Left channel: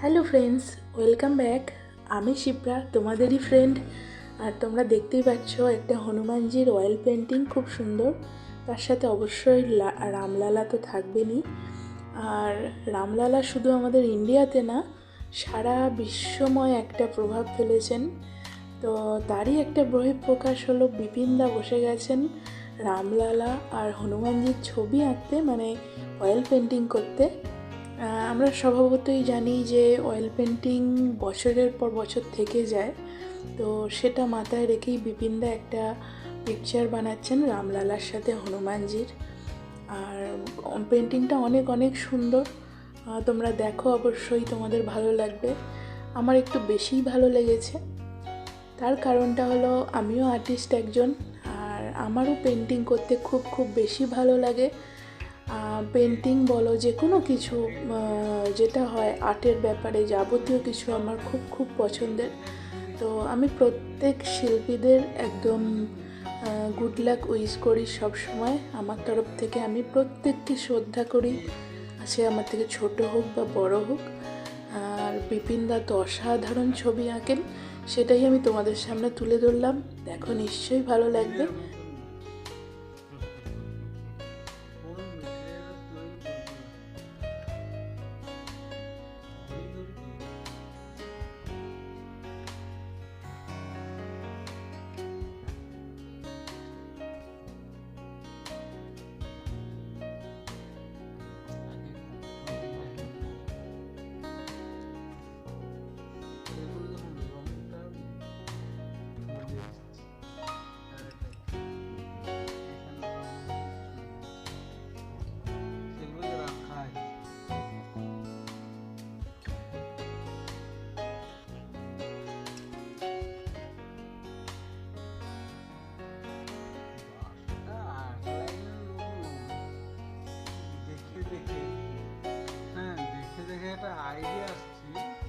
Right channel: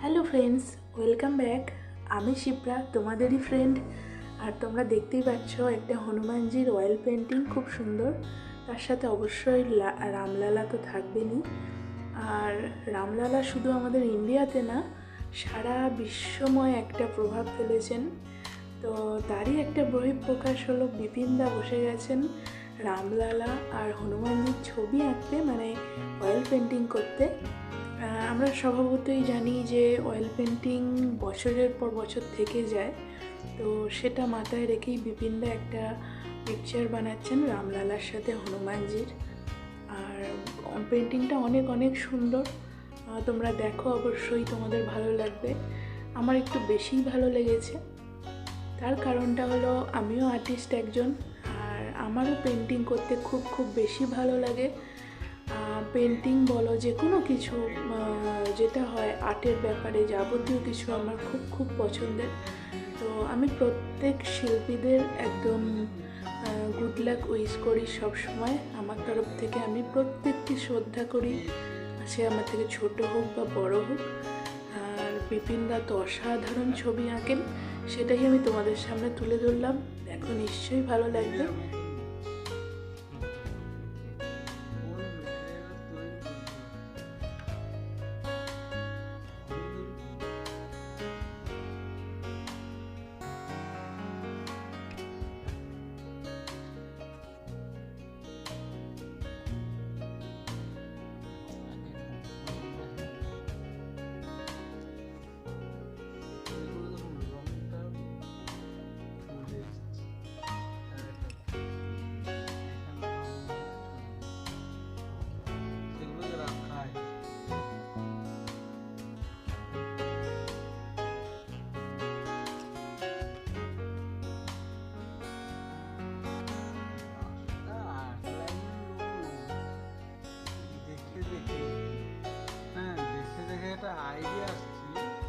Hello friends, welcome back. আমি শিপ্রা, তোমাদেরই friend. আর তোমরা দেখতেই পাচ্ছ একটা হনুমানজির অয়েল পেন্টিং, খুব সুন্দর। তার সাথে অবশ্যই রামলালা তো থাকবেনই। আর রামলালা শুধু আমাদের ইন্ডিয়াতে না, সারা বিশ্বময় একটা প্রভাব ফেলেছেন। তো তারই একটা বহিঃপ্রকাশ হলো, বিপিনদা বসে গেছেন রামলালা আর হনুমানজির ছবি আঁকতে, মানে অয়েল পেন্টিং করতে। আমরা স্বভাবতই জানি যে অয়েল পেন্টিং বছরের পর বছর থেকে যায়। তো সেটা মাথায় রেখেই বিপিনদা একটা পিকচার বানাচ্ছেন রামলালার সাথে হনুমানজির। আর পেন্টিংটা অনেক অনেক সুন্দর। তোমরা দেখো, অবশ্যই তোমাদের ভালো লাগবে। আমার একটু বেশিই ভালো লেগেছে। তার কারণটা হলো, আমিও আর্টিস্ট একজন, আর আমারও পেন্টিং করতে খুব খুব বেশি ভালো লাগে। পেন্টিং বলো, যে কোনো কিছু যেটা হয় আর্টের ব্যাপারে, যাবতীয় কিছু আমার খুব খুব পছন্দের। তো আমি প্রত্যেক শিল্পীদের একদম গুড লাক উইশ করি সব সময়। আমার তরফ থেকে আমি প্রত্যেককে শ্রদ্ধা করি, সে আমার থেকে ছোট হোক বা বড় হোক। আর বিপিনদা তো অসাধারণ ছবি আঁকেন, সেটাই আমি তোমাদের সামনে তুলে ধরলাম। দেখো, নিশ্চয়ই ভালো লাগবে। দেখে দেখে একটা আইডিয়া আসছে।